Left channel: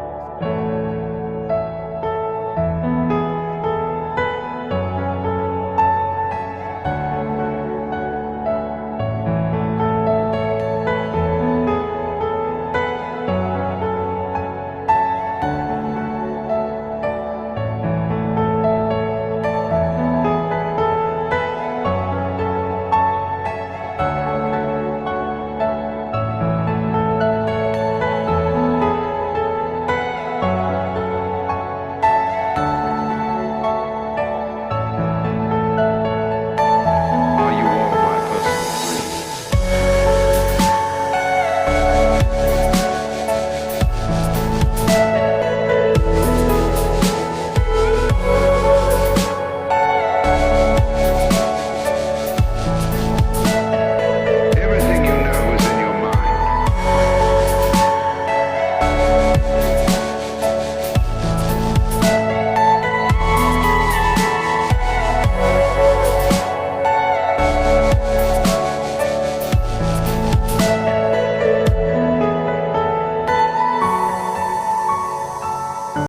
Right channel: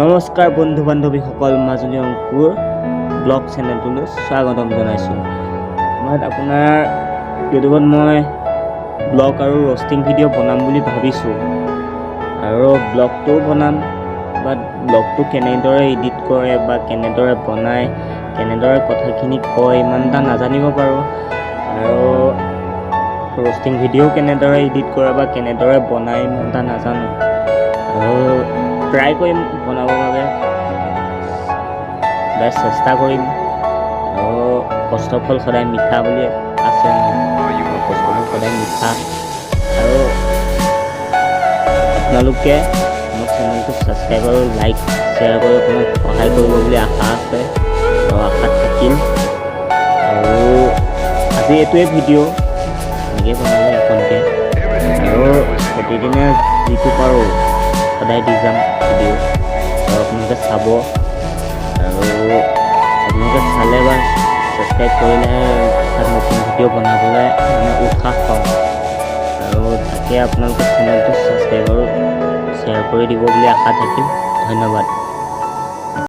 নমস্কাৰ বন্ধু বান্ধৱীসকল, মাজুলী অংকুৰ ব্লগ চেনেলটোলৈ স্বাগতম জনাইছোঁ। মই আপোনাৰ ইউটিউবত মই ব্লগ আৰু ৰষ্টিং ভিডিঅ' বনাম বুলি ভাবিছোঁ, আৰু ব্লগটোও বনাম বা ব্লগটো কেনেদৰে এডিট কৰে বা কেনেদৰে বনায়, কেনেদৰে কথাখিনি কয় ইমান এটা নাজানিব পাৰোঁ, আৰু ৰষ্টিং ভিডিঅ'ও কেনেদৰে এডিট কৰে বা কেনেদৰে বনায় ইমান এটা নাজানো, আৰু ট্ৰাই কৰিম বনাবৰ বাবে, চেষ্টা কৰিম। আৰু কষ্টৰ ফল সদায় মিঠা বুলি আছে, সদায় মিঠা। আৰু আপোনালোকে মোৰ চেনেলটো ছাবস্ক্ৰাইব আৰু লাইক শ্বেয়াৰ কৰি অকণমান সহায় কৰিব বুলি আশা আছে আৰু আশাত থাকিল। আৰু আজি এইটোৱে ভিডিঅ' এনেকৈ বনাব এইখনকৈ, আৰু প্ৰতিদিনে যিটো পাৰোঁ সদায় দি যাম ভিডিঅ', আৰু আপোনালোকে চাব। আৰু আপোনালোকে চালে বা ছাবস্ক্ৰাইব কৰিলেহে তাত নতুন ভিডিঅ' বনাবলৈ উৎসাহ পাওঁ, আৰু তাকে আপোনালোকে চেনেলটো ছাবস্ক্ৰাইব আৰু শ্বেয়াৰ কৰি দিব বুলি আশা থাকিল। ধন্যবাদ।